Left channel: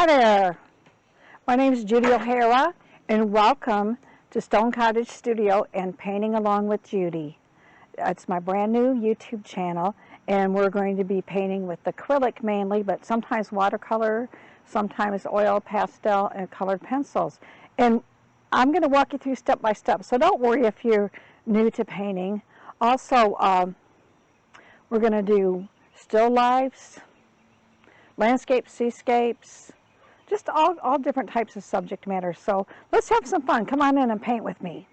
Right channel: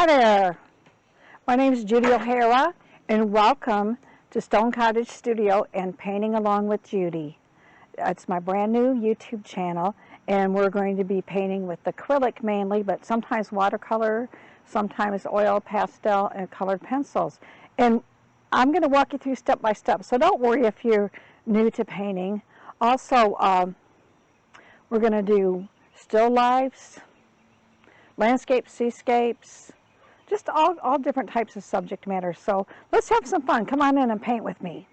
Hi there, my name is Judy O'Hara and welcome to Stone Cottage Studio and Painting Along with Judy. It's my brand new YouTube channel and we're going to be painting with acrylic mainly, but sometimes watercolor, sometimes oil, pastel, and colored pencils. And I'm going to walk you through step by step, so don't worry if you're new to painting. Also, we're going to do still lifes, landscapes, seascapes, just all different types of subject matter. So let's have some fun. Come on in and paint with me.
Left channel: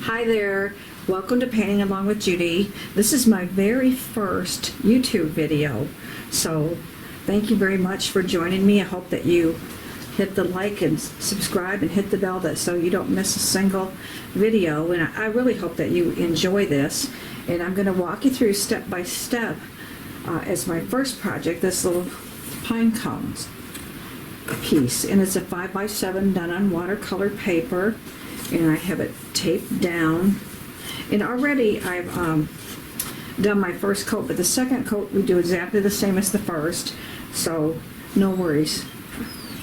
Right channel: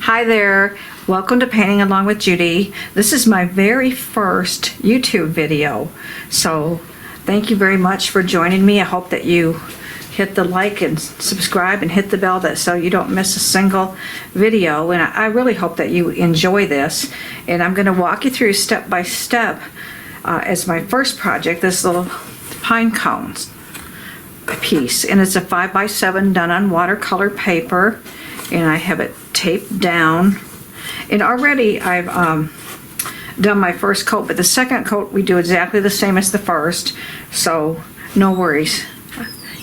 Hi there, welcome to Painting Along with Judy. This is my very first YouTube video, so thank you very much for joining me. I hope that you hit the like and subscribe and hit the bell so you don't miss a single video, and I really hope that you enjoy this. And I'm going to walk you through step by step as my first project, this little pine cones piece, and it's a 5x7 done on watercolor paper, and I have it taped down. And already I've done my first coat, but the second coat we do exactly the same as the first, so no worries,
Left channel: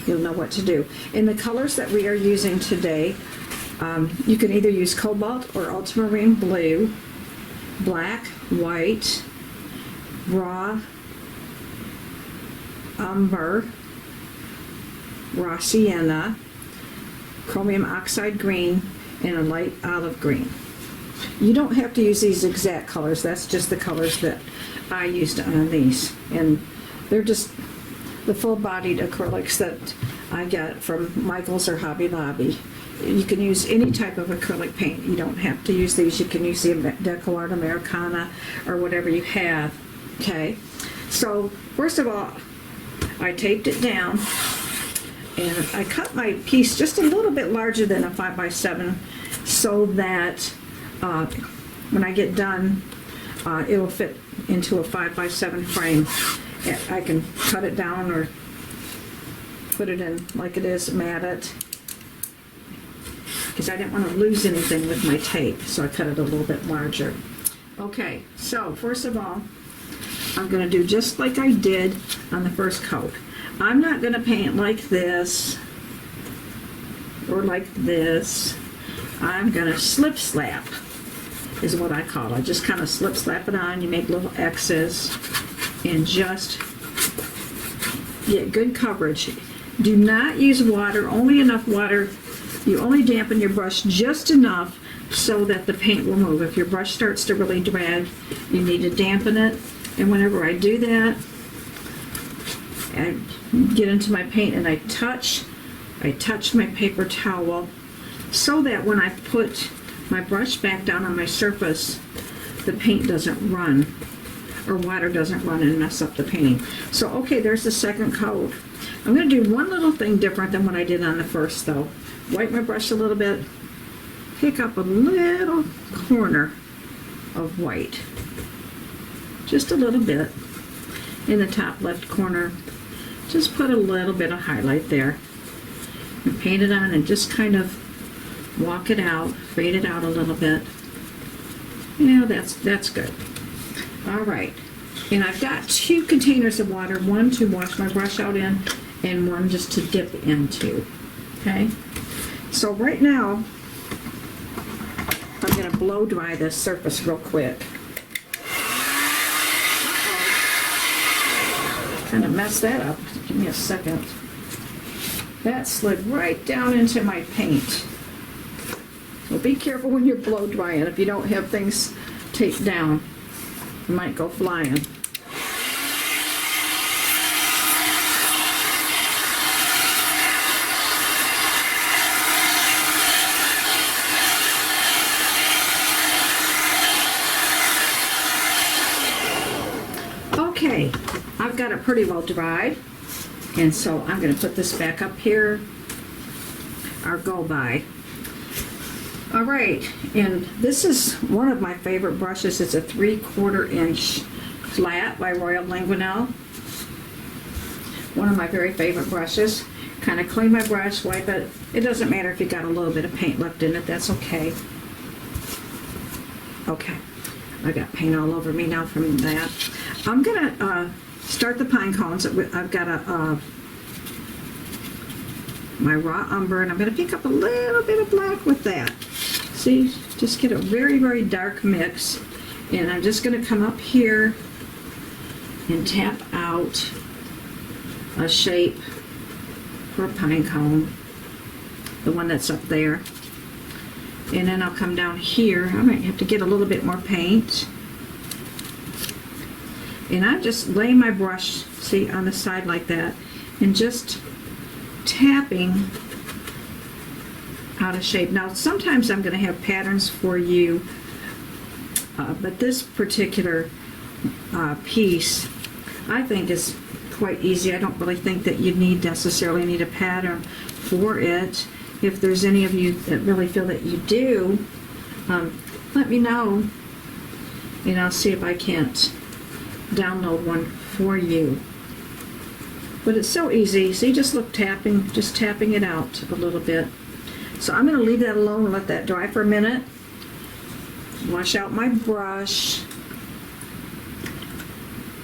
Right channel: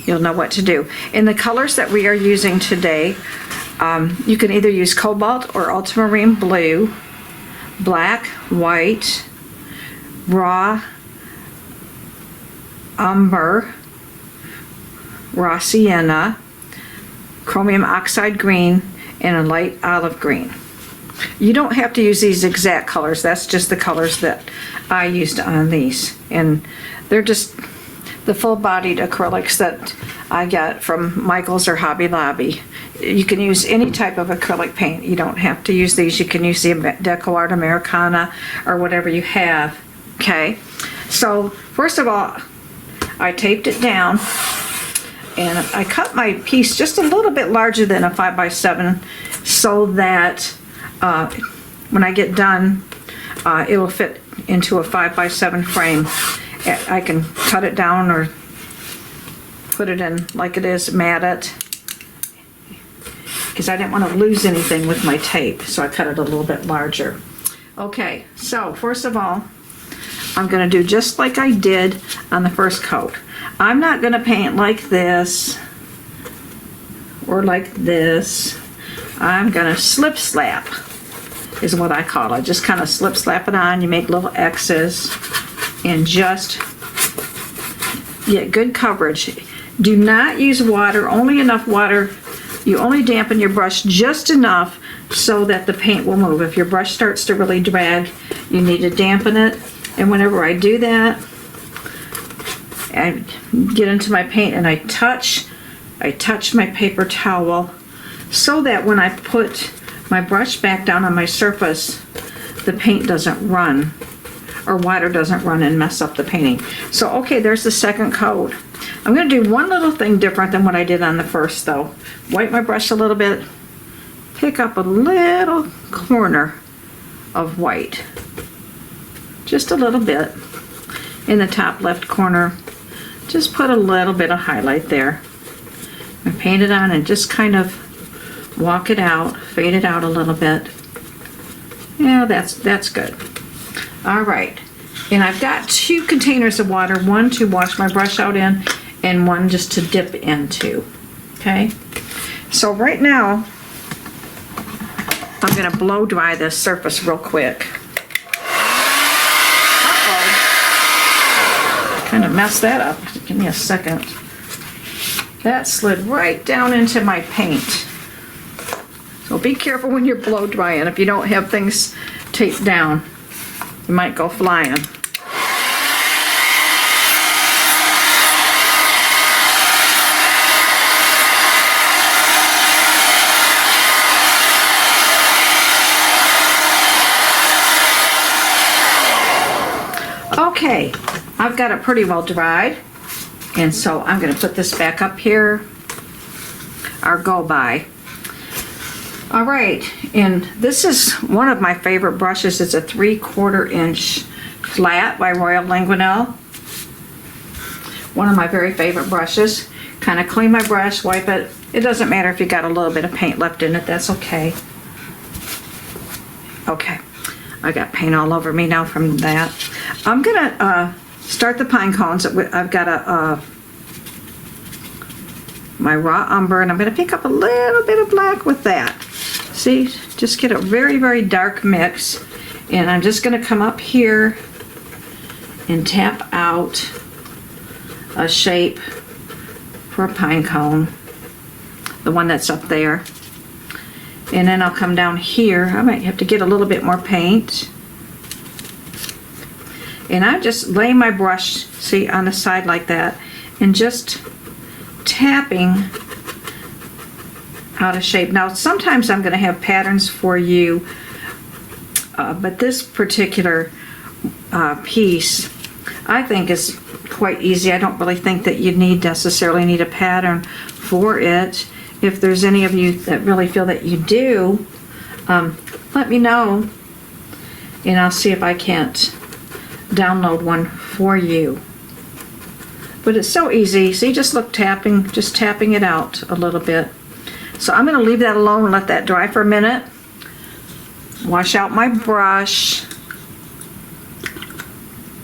you'll know what to do. In the colors that we are using today, you can either use cobalt or ultramarine blue, black, white, raw umber, raw sienna, chromium oxide green, and a light olive green. You don't have to use these exact colors, that's just the colors that I used on these, and they're just the full-bodied acrylics that I got from Michael's or Hobby Lobby. You can use any type of acrylic paint, you don't have to use these. You can use the Deco Art Americana or whatever you have. Okay, so first of all, I taped it down and I cut my piece just a little bit larger than a 5x7 so that when I get done, it will fit into a 5x7 frame. I can cut it down or put it in like it is, mat it, because I didn't want to lose anything with my tape, so I cut it a little bit larger. Okay, so first of all, I'm going to do just like I did on the first coat. I'm not going to paint like this or like this. I'm going to slip slap is what I call it. Just kind of slip slap it on. You make little X's and just get good coverage. Do not use water, only enough water. You only dampen your brush just enough so that the paint will move. If your brush starts to really drag, you need to dampen it. And whenever I do that, I get into my paint and I touch my paper towel so that when I put my brush back down on my surface, the paint doesn't run, or water doesn't run and mess up the painting. So okay, there's the second coat. I'm going to do one little thing different than what I did on the first though. Wipe my brush a little bit, pick up a little corner of white, just a little bit in the top left corner. Just put a little bit of highlight there and paint it on and just kind of walk it out, fade it out a little bit. Yeah, that's good. All right, and I've got 2 containers of water, one to wash my brush out in and one just to dip into. Okay, so right now I'm going to blow dry this surface real quick. Kind of messed that up. Give me a second. That slid right down into my paint. So be careful when you're blow drying. If you don't have things taped down, you might go flying. Okay, I've got it pretty well dried, and so I'm going to put this back up here, our go by. All right, and this is one of my favorite brushes. It's a 3/4 inch flat by Royal Languinel. one of my very favorite brushes. Kind of clean my brush, wipe it. It doesn't matter if you got a little bit of paint left in it, that's okay. Okay, I got paint all over me now from that. I'm gonna start the pine cones. I've got my raw umber, and I'm gonna pick up a little bit of black with that. See, just get a very, very dark mix. And I'm just gonna come up here and tap out a shape for a pine cone, the one that's up there. And then I'll come down here. I might have to get a little bit more paint. And I just lay my brush, see, on the side like that, and just tapping out a shape. Now, sometimes I'm going to have patterns for you, but this particular piece, I think, is quite easy. I don't really think that you necessarily need a pattern for it. If there's any of you that really feel that you do, let me know, and I'll see if I can't download one for you. But it's so easy. See, just look, just tapping it out a little bit. So I'm going to leave that alone and let that dry for a minute. Wash out my brush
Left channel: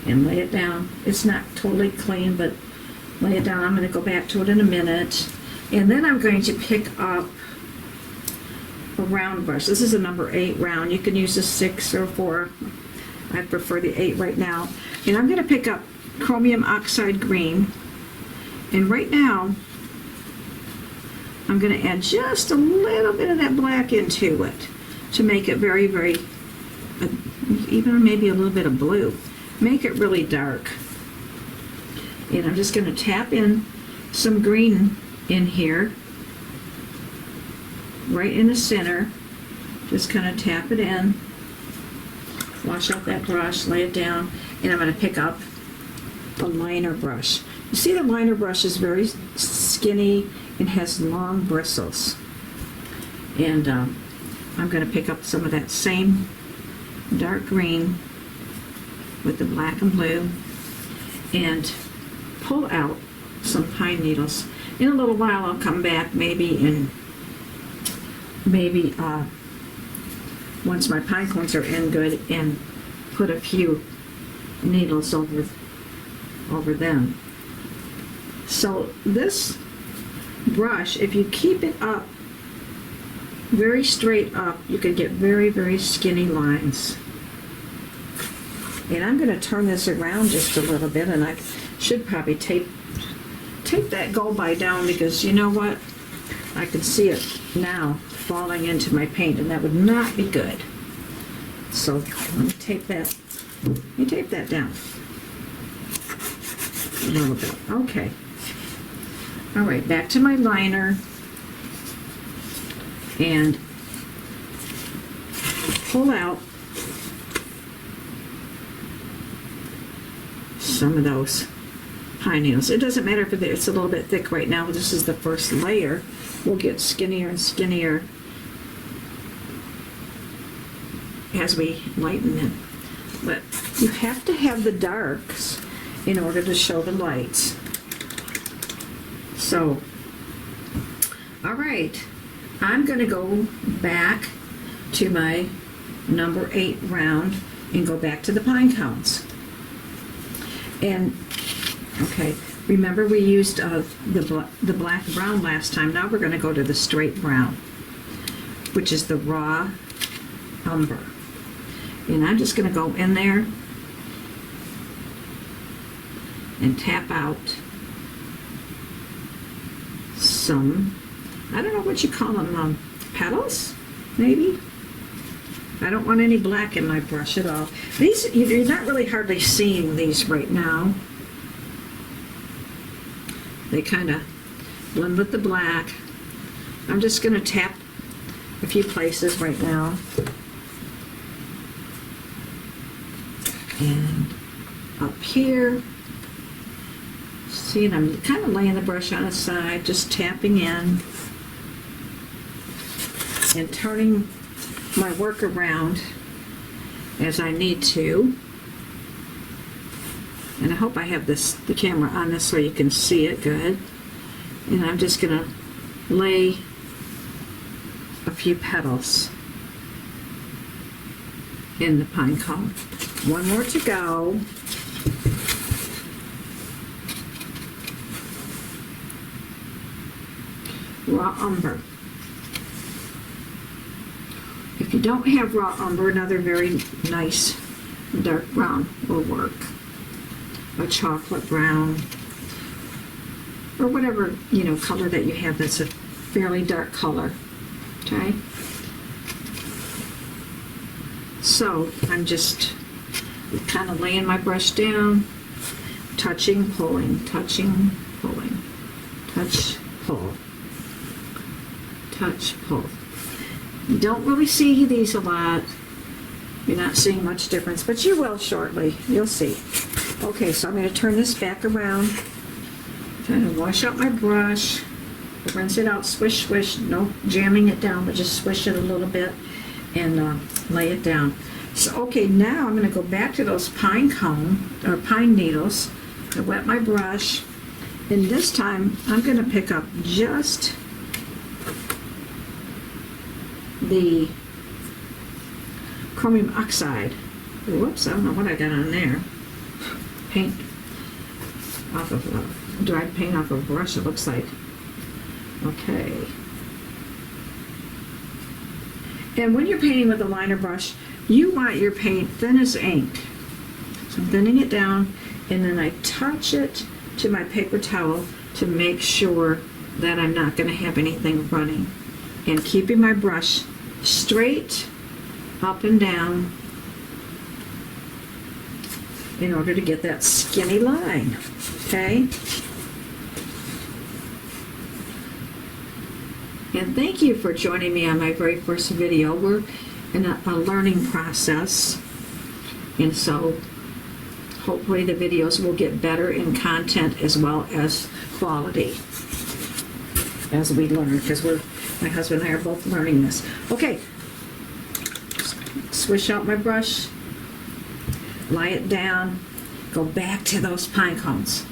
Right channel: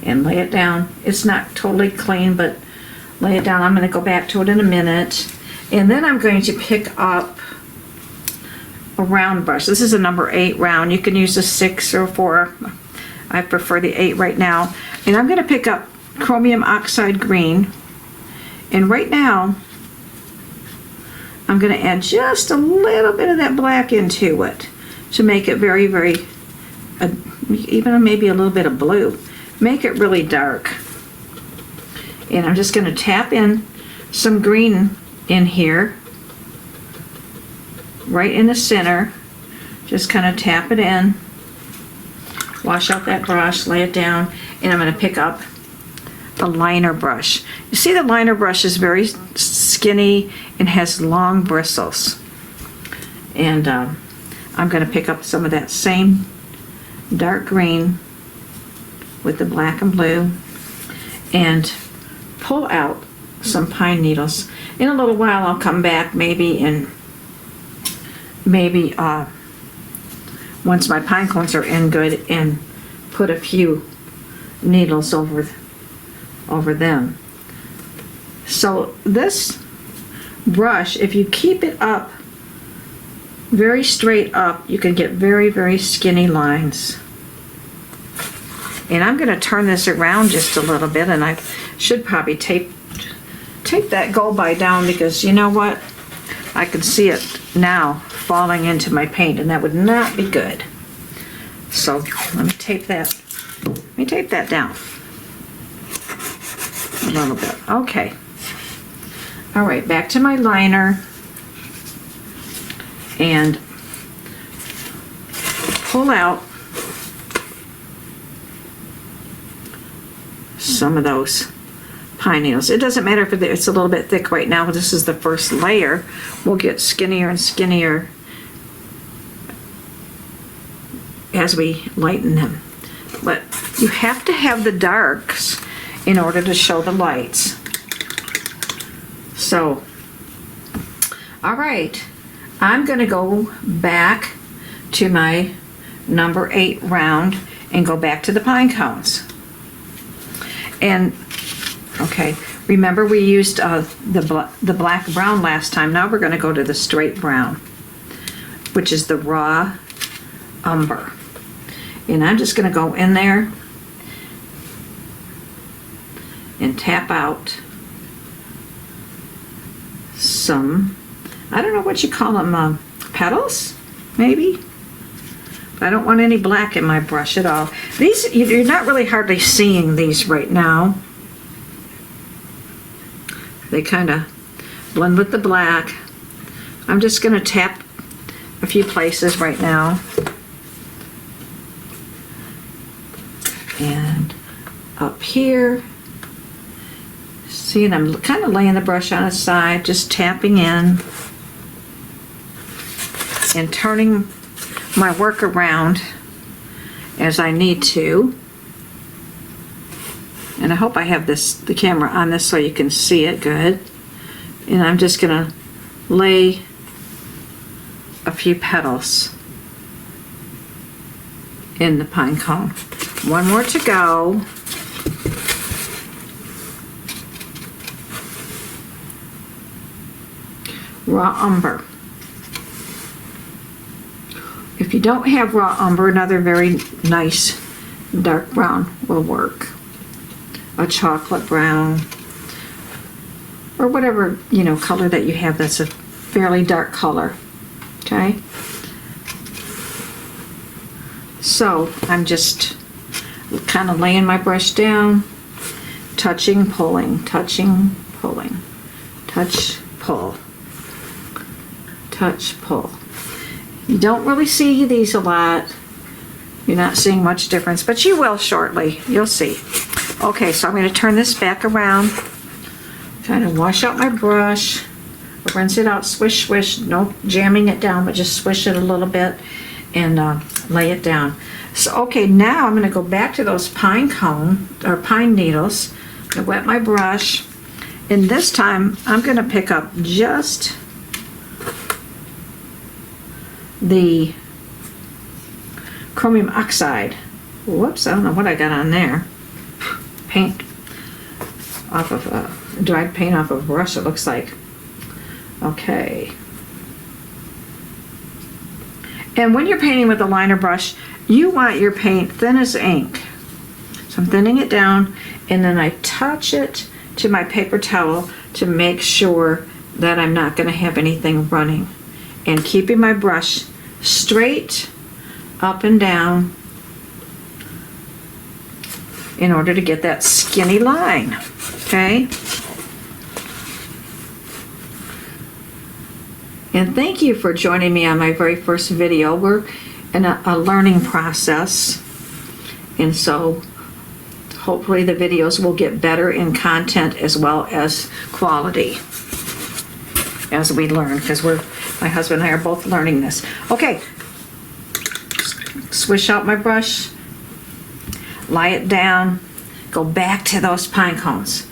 and lay it down. It's not totally clean, but lay it down. I'm going to go back to it in a minute. And then I'm going to pick up a round brush. This is a number 8 round. You can use a 6 or 4. I prefer the 8 right now. And I'm going to pick up chromium oxide green. And right now, I'm going to add just a little bit of that black into it to make it very, very, even maybe a little bit of blue. Make it really dark. And I'm just going to tap in some green in here, right in the center. Just kind of tap it in, wash out that brush, lay it down, and I'm going to pick up a liner brush. You see, the liner brush is very skinny and has long bristles. And I'm going to pick up some of that same dark green with the black and blue and pull out some pine needles. In a little while I'll come back maybe once my pine cones are in good and put a few needles over them. So this brush, if you keep it up very straight up, you can get very, very skinny lines. And I'm going to turn this around just a little bit, and I should probably tape that go by down, because you know what? I can see it now falling into my paint, and that would not be good. So let me tape that. Let me tape that down a little bit. Okay. All right, back to my liner, and pull out some of those pine needles. It doesn't matter if it's a little bit thick right now. This is the first layer. We'll get skinnier and skinnier as we lighten them. But you have to have the darks in order to show the lights. So, all right, I'm going to go back to my number 8 round and go back to the pine cones. And okay, remember we used the black brown last time. Now we're going to go to the straight brown, which is the raw umber. And I'm just going to go in there and tap out some, I don't know what you call them, petals, maybe? I don't want any black in my brush at all. These, you're not really hardly seeing these right now. They kind of blend with the black. I'm just going to tap a few places right now. And up here. See, and I'm kind of laying the brush on its side, just tapping in and turning my work around as I need to. And I hope I have the camera on this so you can see it good. And I'm just gonna lay a few petals in the pine cone. One more to go. Raw umber. If you don't have raw umber, another very nice dark brown will work. A chocolate brown, or whatever, you know, color that you have that's a fairly dark color. Okay? So I'm just kind of laying my brush down, touching, pulling, touching, pulling, touch, pull, touch, pull. You don't really see these a lot. You're not seeing much difference, but you will shortly. You'll see. Okay, so I'm going to turn this back around, kind of wash out my brush, rinse it out, swish, swish, no jamming it down, but just swish it a little bit and lay it down. So, okay, now I'm going to go back to those pine cone, or pine needles. I'm going to wet my brush, and this time I'm going to pick up just the chromium oxide. Whoops, I don't know what I got on there. Paint off of dried paint off of a brush, it looks like. Okay. And when you're painting with a liner brush, you want your paint thin as ink. So I'm thinning it down, and then I touch it to my paper towel to make sure that I'm not going to have anything running. And keeping my brush straight up and down in order to get that skinny line, okay? And thank you for joining me on my very first video. We're in a learning process, and so hopefully the videos will get better in content as well as quality as we learn, because my husband and I are both learning this. Okay, swish out my brush, lie it down, go back to those pine cones.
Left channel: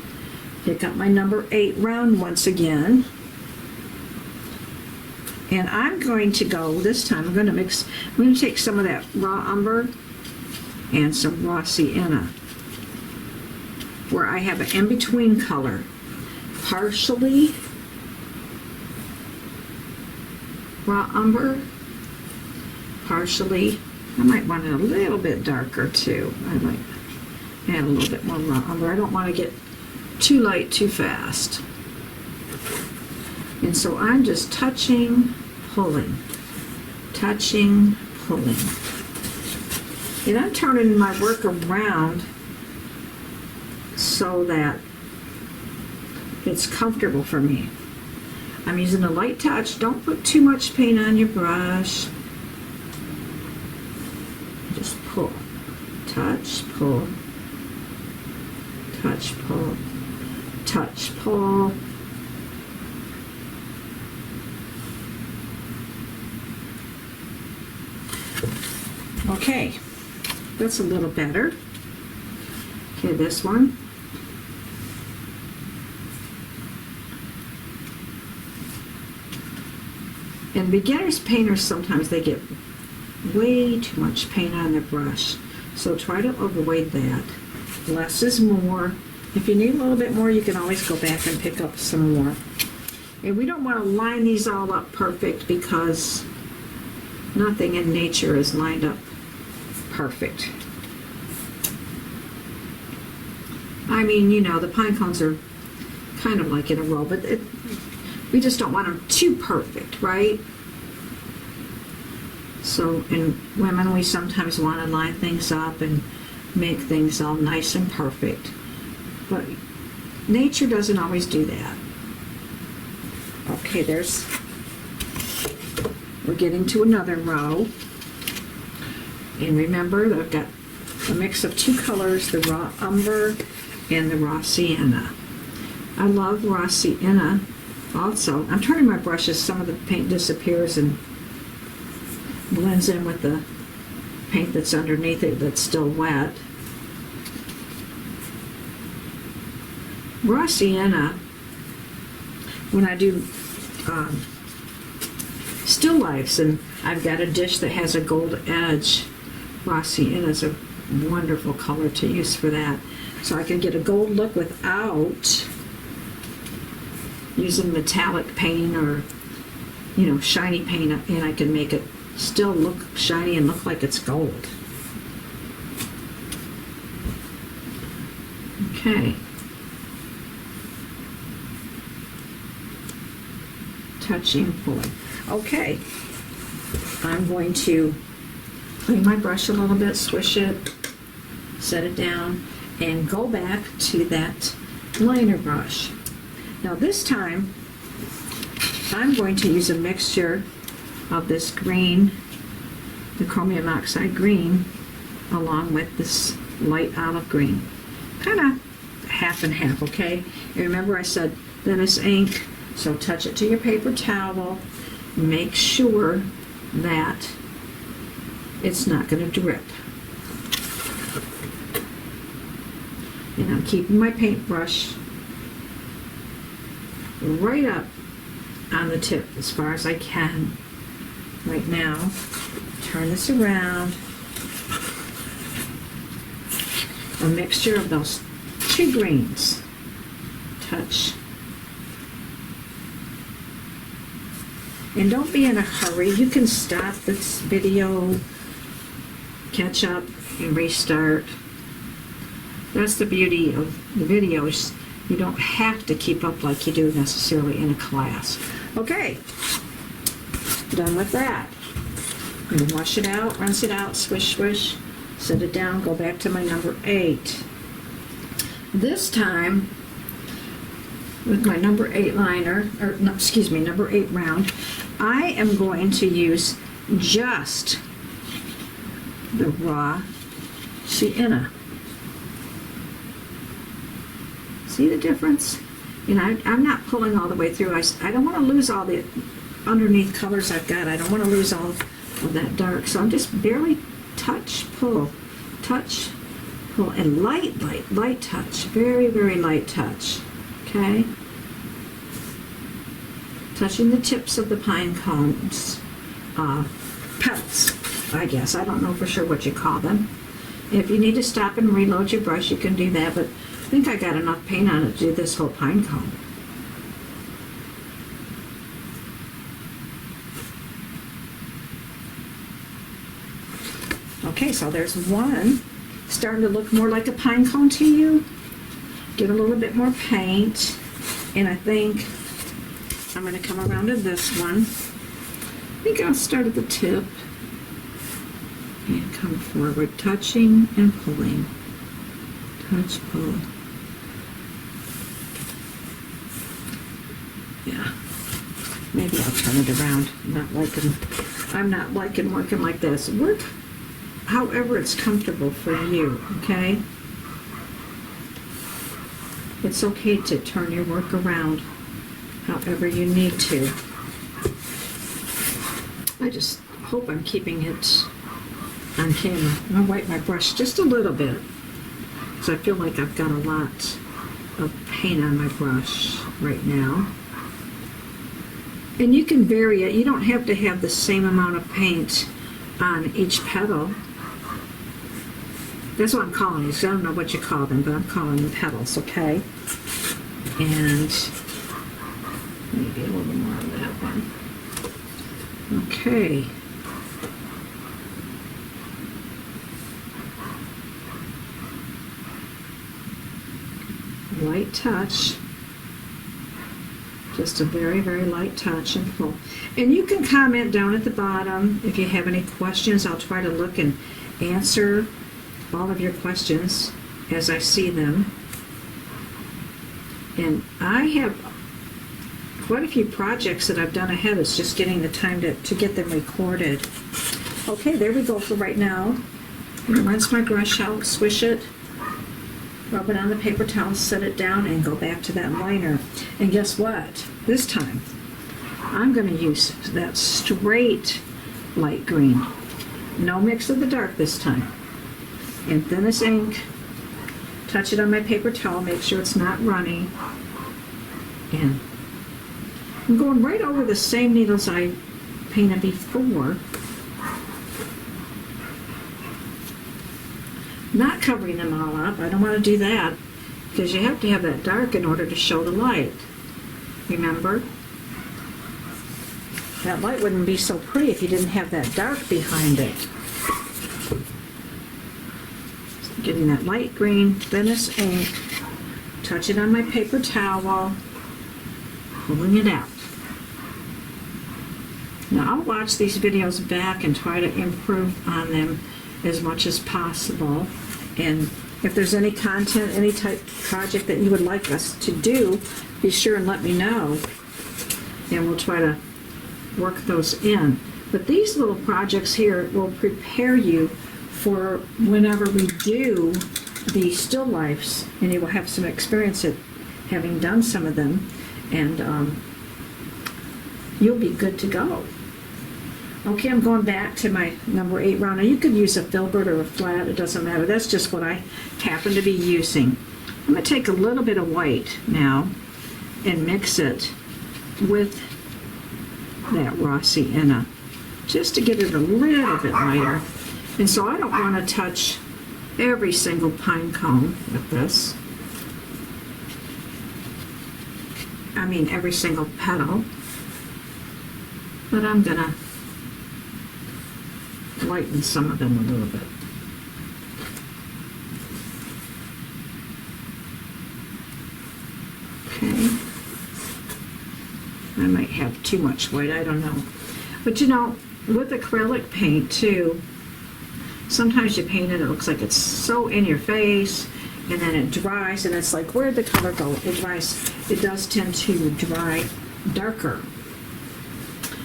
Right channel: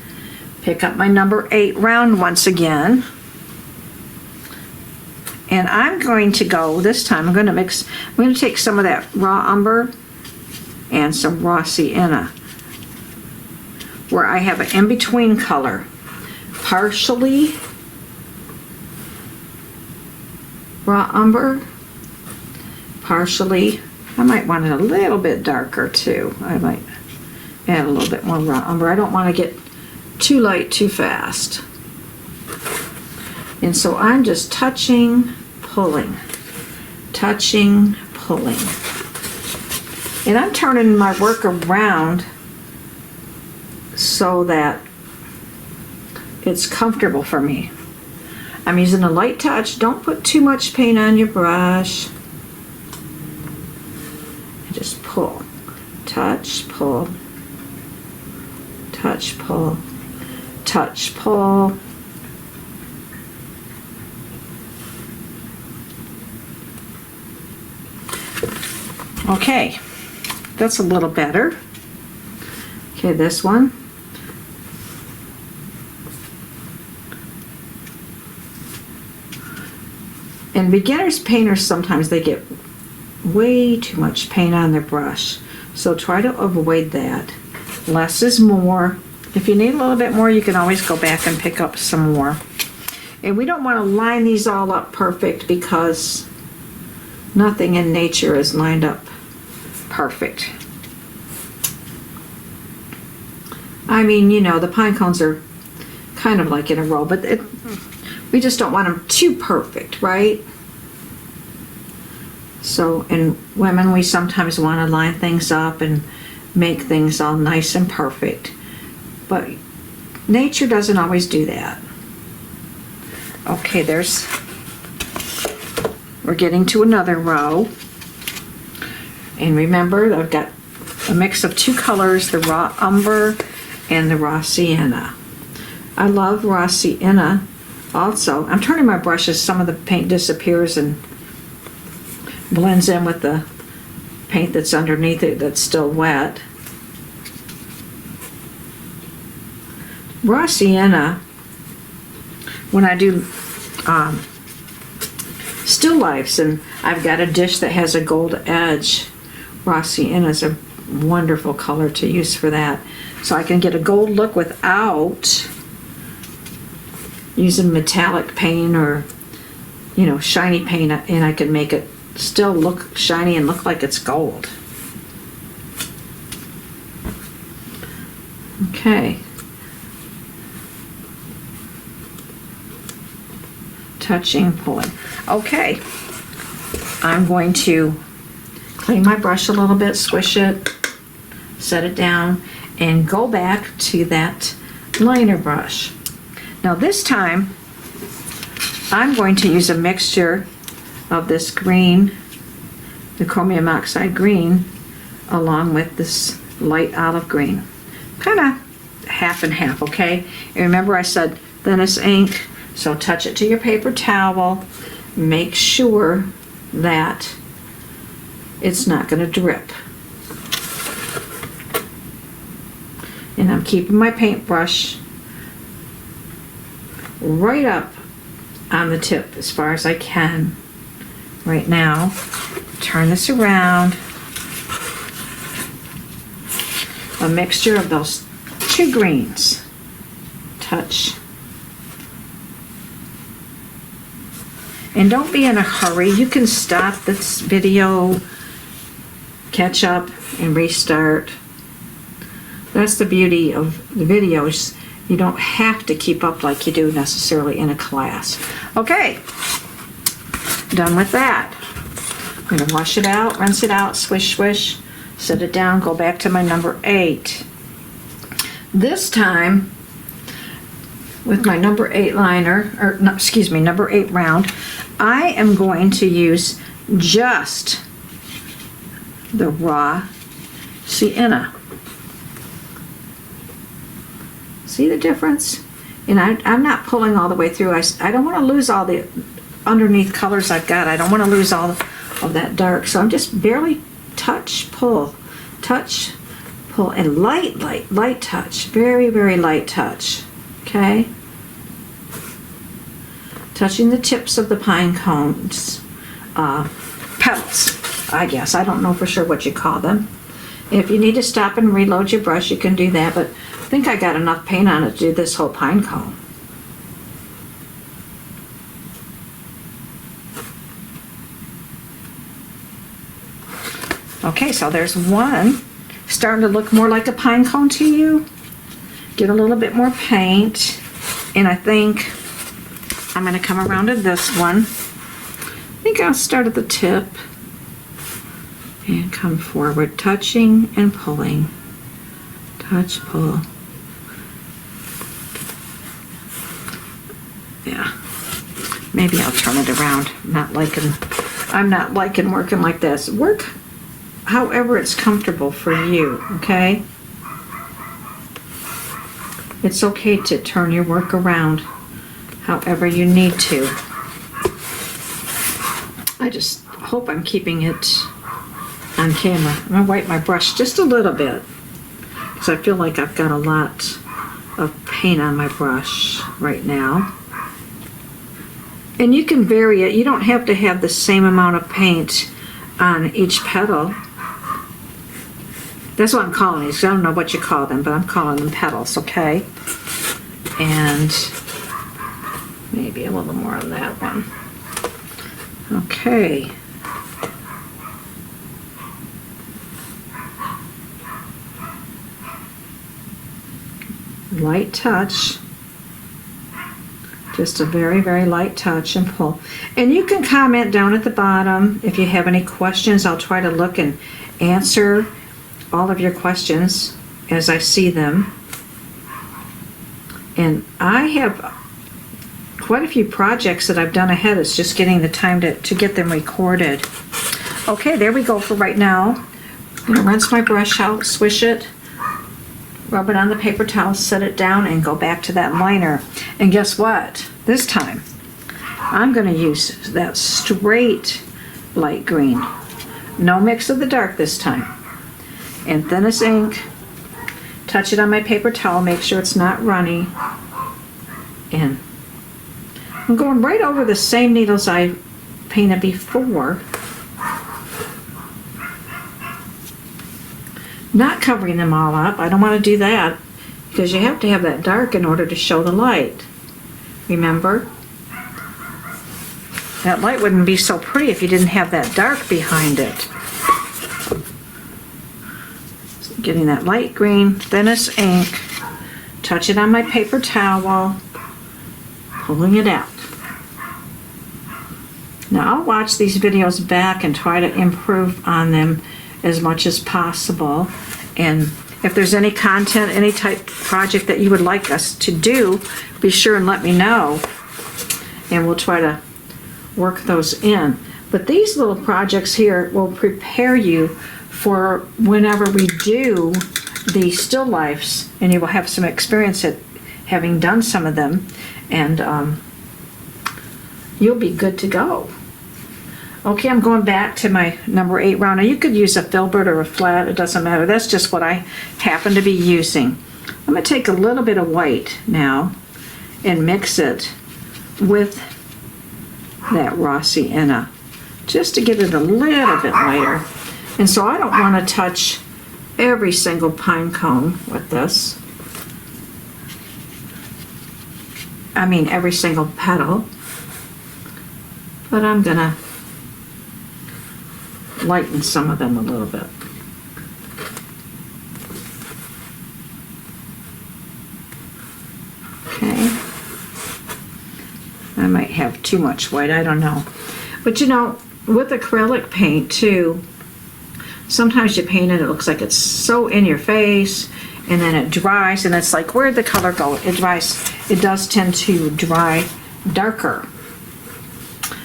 Pick up my number 8 round once again. And I'm going to go, this time I'm going to take some of that raw umber and some raw sienna, where I have an in-between color. Partially raw umber, partially, I might want it a little bit darker too. I might add a little bit more raw umber. I don't want to get too light too fast. And so I'm just touching, pulling, touching, pulling. And I'm turning my work around so that it's comfortable for me. I'm using a light touch. Don't put too much paint on your brush. Just pull, touch, pull, touch, pull, touch, pull. Okay, that's a little better. Okay, this one. And beginners painters, sometimes they get way too much paint on their brush. So try to avoid that. Less is more. If you need a little bit more, you can always go back and pick up some more. And we don't want to line these all up perfect, because nothing in nature is lined up perfect. I mean, you know, the pine cones are kind of like in a row, but we just don't want them too perfect, right? So in women, we sometimes want to line things up and make things all nice and perfect, but nature doesn't always do that. Okay, we're getting to another row. And remember, I've got a mix of 2 colors, the raw umber and the raw sienna. I love raw sienna also. I'm turning my brushes, some of the paint disappears and blends in with the paint that's underneath it that's still wet. raw sienna, when I do still lifes, and I've got a dish that has a gold edge, raw sienna is a wonderful color to use for that. So I can get a gold look without using metallic paint or, you know, shiny paint, and I can make it still look shiny and look like it's gold. Okay. Touching, pulling. Okay. I'm going to clean my brush a little bit, swish it, set it down, and go back to that liner brush. Now this time, I'm going to use a mixture of this green, the chromium oxide green, along with this light olive green. Kind of half and half, okay? And remember I said thinnest ink, so touch it to your paper towel. Make sure that it's not going to drip. And I'm keeping my paintbrush right up on the tip as far as I can right now. Turn this around. A mixture of those two greens. Touch. And don't be in a hurry. You can stop this video, catch up, and restart. That's the beauty of the videos. You don't have to keep up like you do necessarily in a class. Okay, done with that. I'm going to wash it out, rinse it out, swish, swish, set it down, go back to my number 8. This time, with my number 8 liner, or no, excuse me, number 8 round, I am going to use just the raw sienna. See the difference? And I'm not pulling all the way through. I don't want to lose all the underneath colors I've got. I don't want to lose all of that dark. So I'm just barely touch, pull, and light touch. Very, very light touch. Okay? Touching the tips of the pine cones. Petals, I guess. I don't know for sure what you call them. If you need to stop and reload your brush, you can do that, but I think I got enough paint on it to do this whole pine cone. Okay, so there's one starting to look more like a pine cone to you. Get a little bit more paint, and I think I'm going to come around to this one. I think I'll start at the tip and come forward, touching and pulling. Touch, pull. Yeah, maybe I'll turn it around. I'm not liking working like this. Work however it's comfortable for you, okay? It's okay to turn your work around however you need to. I just hope I'm keeping it on camera. I'm gonna wipe my brush just a little bit because I feel like I've got a lot of paint on my brush right now. And you can vary it. You don't have to have the same amount of paint on each petal. That's what I'm calling these. I don't know what you call them, but I'm calling them petals, okay? And maybe a little more on that one. Okay. Light touch. Just a very, very light touch and pull. And you can comment down at the bottom if you have any questions. I'll try to look and answer all of your questions as I see them. And I have quite a few projects that I've done ahead. It's just getting the time to get them recorded. Okay, there we go for right now. I'm going to rinse my brush out, swish it, rub it on the paper towel, set it down, and go back to that liner. And guess what? This time, I'm going to use that straight light green. No mix of the dark this time. And thinnest ink, touch it on my paper towel, make sure it's not runny. And I'm going right over the same needles I painted before. Not covering them all up. I don't want to do that because you have to have that dark in order to show the light. Remember? That light wouldn't be so pretty if you didn't have that dark behind it. So getting that light green, thinnest ink, touch it on my paper towel, pulling it out. Now I'll watch these videos back and try to improve on them as much as possible. And if there's any content, any type project that you would like us to do, be sure and let me know. And we'll try to work those in. But these little projects here will prepare you for whenever we do the still lifes, and you will have some experience at having done some of them, and you'll be good to go. Okay, I'm going back to my number 8 round. Now you could use a filbert or a flat, it doesn't matter. That's just what I happen to be using. I'm going to take a little bit of white now and mix it with that raw sienna just to get it a little bit lighter. And so I don't want to touch every single pine cone with this. I mean every single petal. But I'm going to lighten some of them a little bit. Okay. I might have too much white, I don't know. But you know, with acrylic paint too, sometimes you paint it, it looks like it's so in your face, and then it dries, and it's like, where'd the color go? It dries, it does tend to dry darker.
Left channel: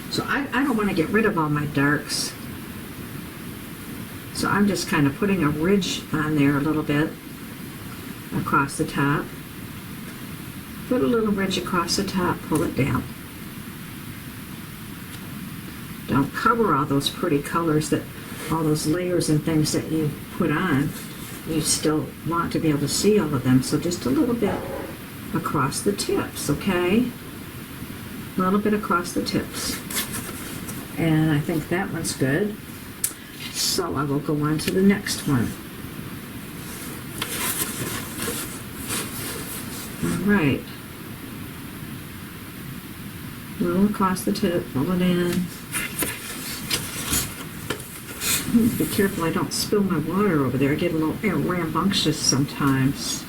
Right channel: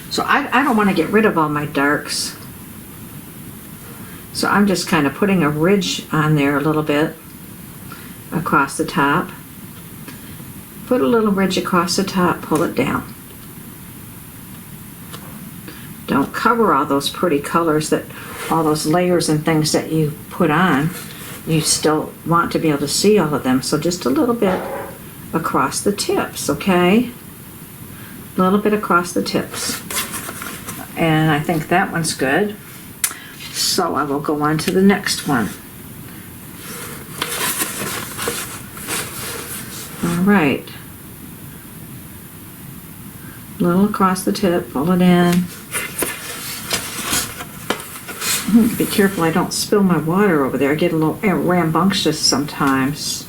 So I don't want to get rid of all my darks. So I'm just kind of putting a ridge on there a little bit across the top. Put a little ridge across the top, pull it down. Don't cover all those pretty colors, that all those layers and things that you put on. You still want to be able to see all of them, so just a little bit across the tips, okay? A little bit across the tips. And I think that one's good. So I will go on to the next one. All right. A little across the tip, pull it in. Be careful I don't spill my water over there. I get a little rambunctious sometimes.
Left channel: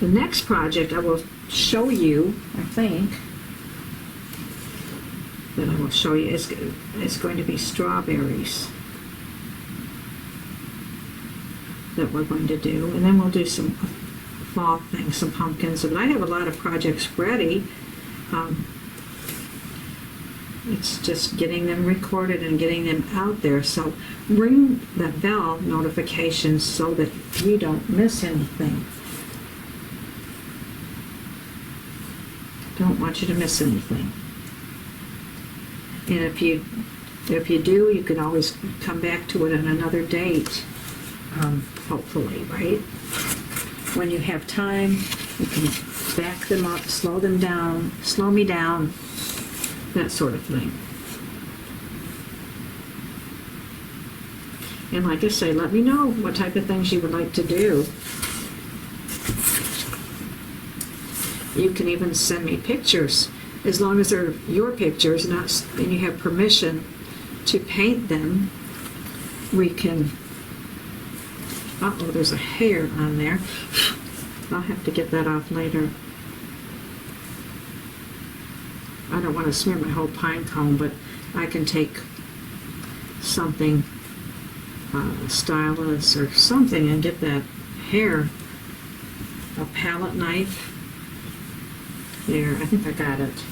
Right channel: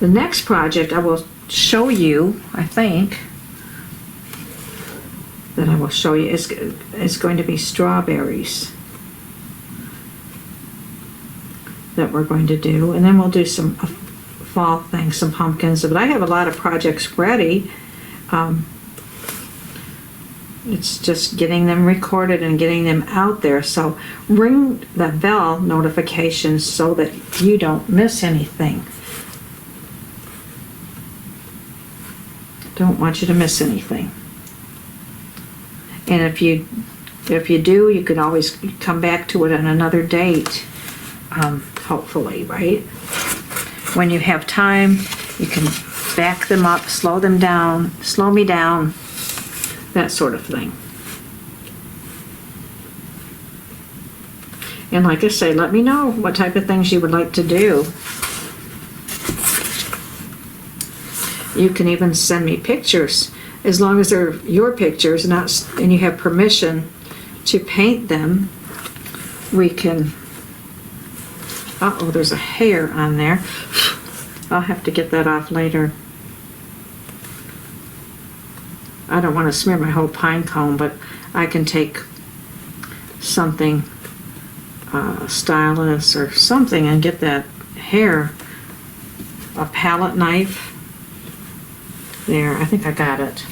The next project I will show you, I think, that I will show you is going to be strawberries that we're going to do, and then we'll do some fall things, some pumpkins. But I have a lot of projects ready. It's just getting them recorded and getting them out there. So ring the bell notifications so that you don't miss anything. Don't want you to miss anything. And if you do, you can always come back to it on another date, hopefully, right? When you have time, you can back them up, slow them down, slow me down, that sort of thing. And like I say, let me know what type of things you would like to do. You can even send me pictures, as long as they're your pictures, and you have permission to paint them. We can, uh-oh, there's a hair on there. I'll have to get that off later. I don't want to smear my whole pine cone, but I can take something, a stylus or something, and get that hair, a palette knife. There, I think I got it.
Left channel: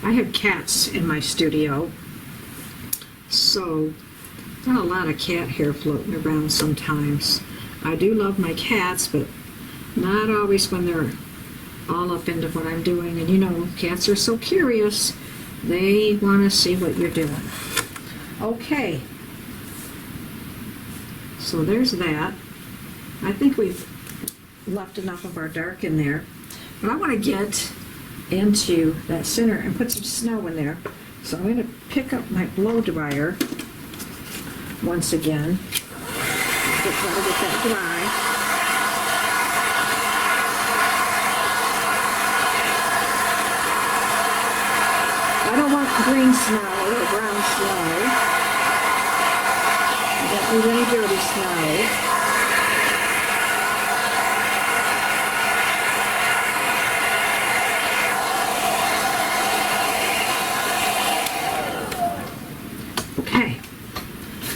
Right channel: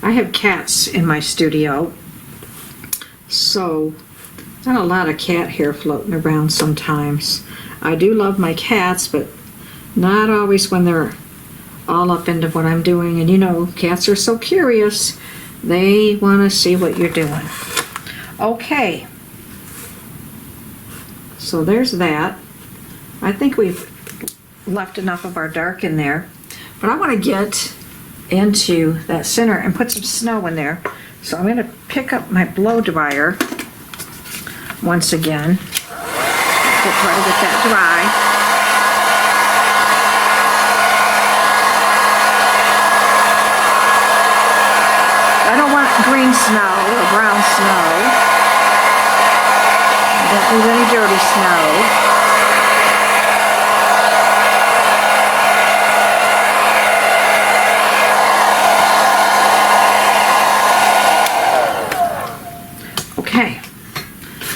I have cats in my studio, so not a lot of cat hair floating around sometimes. I do love my cats, but not always when they're all up into what I'm doing. And you know, cats are so curious. They want to see what you're doing. Okay. So there's that. I think we've left enough of our dark in there. But I want to get into that center and put some snow in there. So I'm going to pick up my blow dryer once again. Try to get that dry. I don't want green snow or brown snow. I don't need any dirty snow. Okay,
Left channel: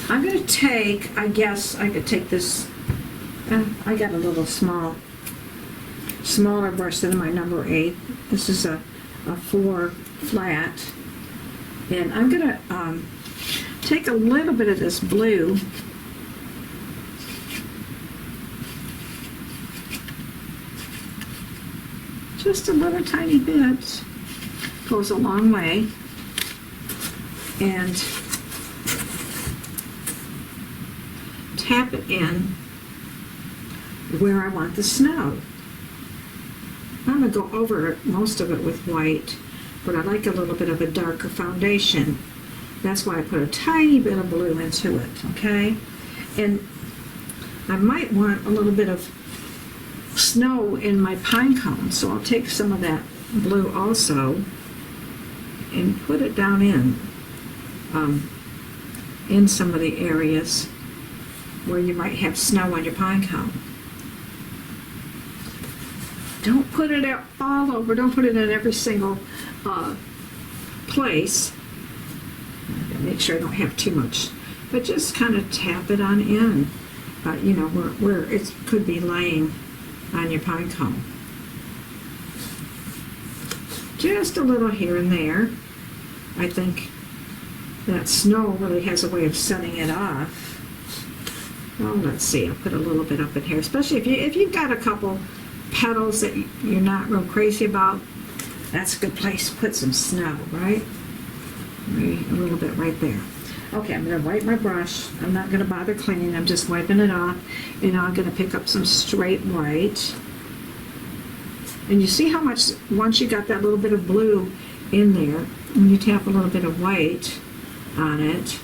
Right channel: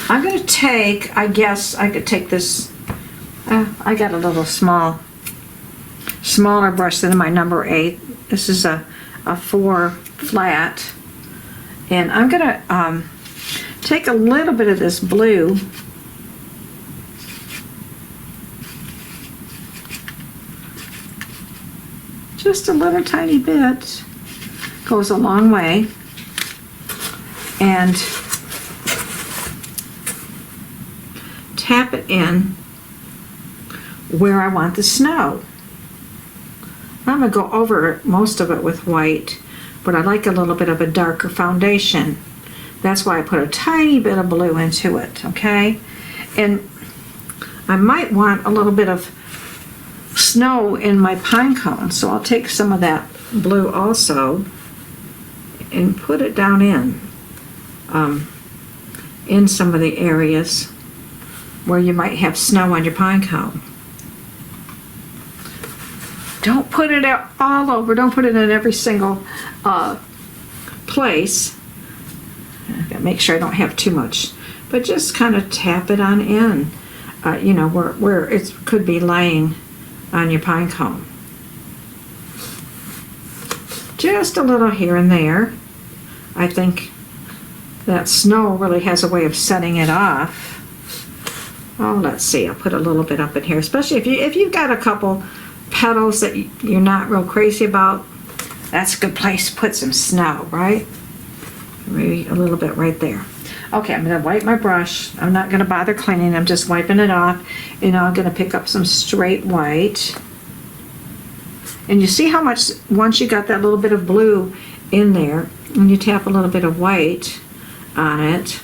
I'm going to take, I guess I could take this, I got a little smaller brush than my number 8. This is a 4 flat. And I'm going to take a little bit of this blue just a little tiny bit, goes a long way, and tap it in where I want the snow. I'm going to go over most of it with white, but I like a little bit of a darker foundation. That's why I put a tiny bit of blue into it, okay? And I might want a little bit of snow in my pine cone, so I'll take some of that blue also and put it down in some of the areas where you might have snow on your pine cone. Don't put it all over. Don't put it in every single place. Make sure I don't have too much, but just kind of tap it on in, you know, where it could be laying on your pine cone. Just a little here and there. I think that snow really has a way of setting it off. Oh, let's see. I'll put a little bit up in here, especially if you've got a couple petals that you're not real crazy about. That's a good place to put some snow, right? Maybe a little bit right there. Okay, I'm going to wipe my brush. I'm not going to bother cleaning. I'm just wiping it off. And I'm going to pick up some straight white. And you see how much, once you got that little bit of blue in there, and you tap a little bit of white on it,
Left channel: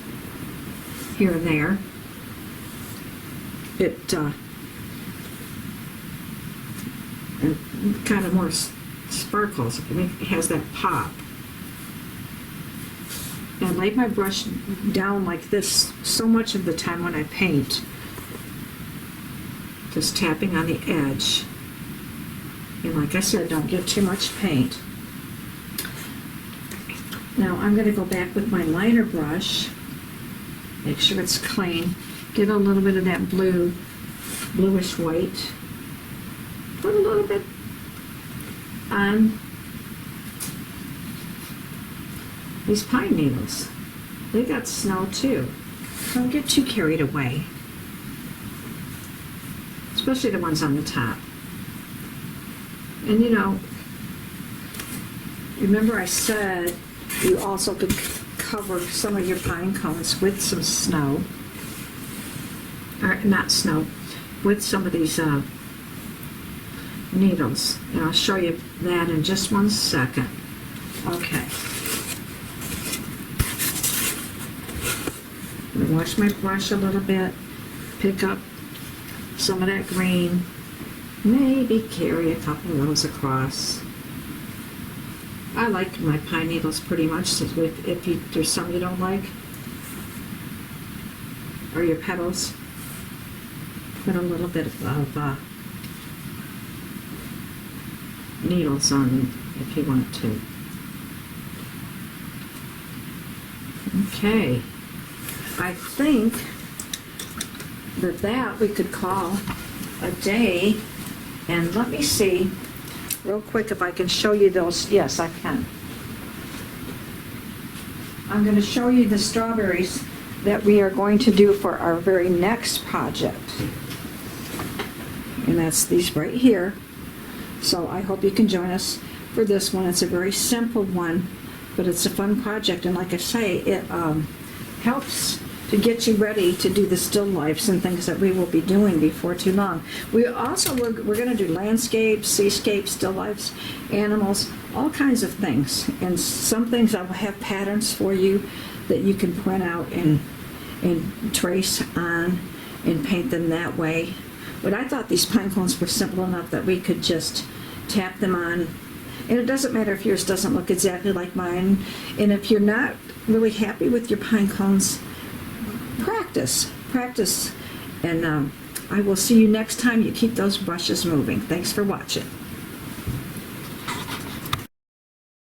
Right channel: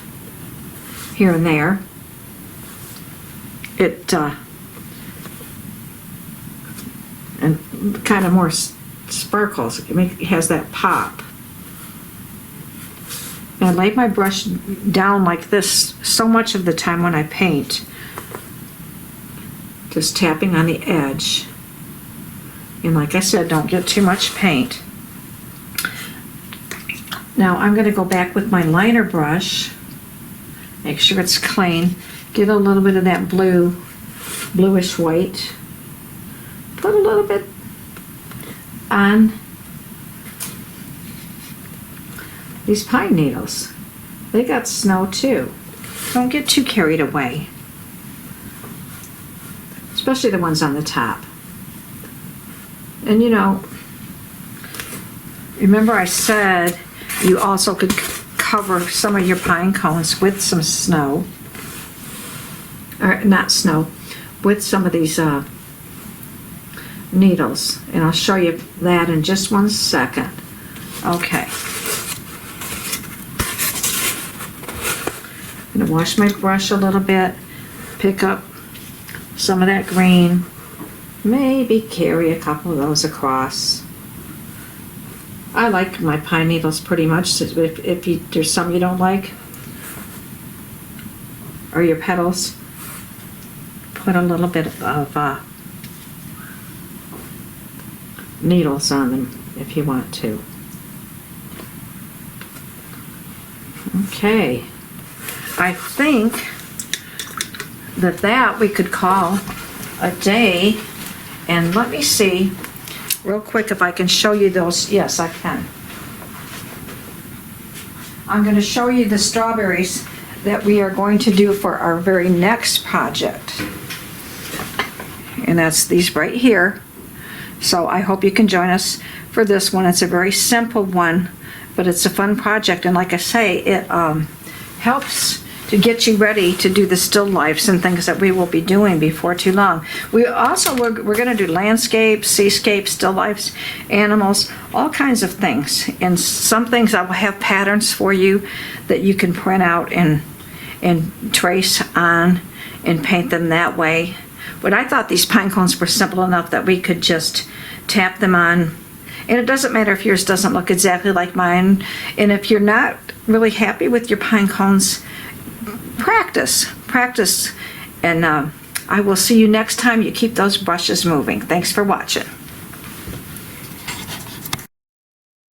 here and there, it and kind of more sparkles. It has that pop. And I lay my brush down like this so much of the time when I paint, just tapping on the edge. And like I said, don't get too much paint. Now I'm going to go back with my liner brush, make sure it's clean, get a little bit of that bluish white, put a little bit on these pine needles. They got snow too. Don't get too carried away, especially the ones on the top. And you know, remember I said you also could cover some of your pine cones with some snow, or not snow, with some of these needles, and I'll show you that in just one second. Okay. I'm going to wash my brush a little bit, pick up some of that green, maybe carry a couple of those across. I like my pine needles pretty much. If there's some you don't like, or your petals, put a little bit of needles on them if you want to. Okay. I think that we could call a day. And let me see real quick if I can show you those. Yes, I can. I'm going to show you the strawberries that we are going to do for our very next project. And that's these right here. So I hope you can join us for this one. It's a very simple one. but it's a fun project, and like I say, it helps to get you ready to do the still lifes and things that we will be doing before too long. We're going to do landscapes, seascapes, still lifes, animals, all kinds of things. And some things I will have patterns for you that you can print out and trace on and paint them that way. But I thought these pine cones were simple enough that we could just tap them on. And it doesn't matter if yours doesn't look exactly like mine. And if you're not really happy with your pine cones, practice, and I will see you next time you keep those brushes moving. Thanks for watching.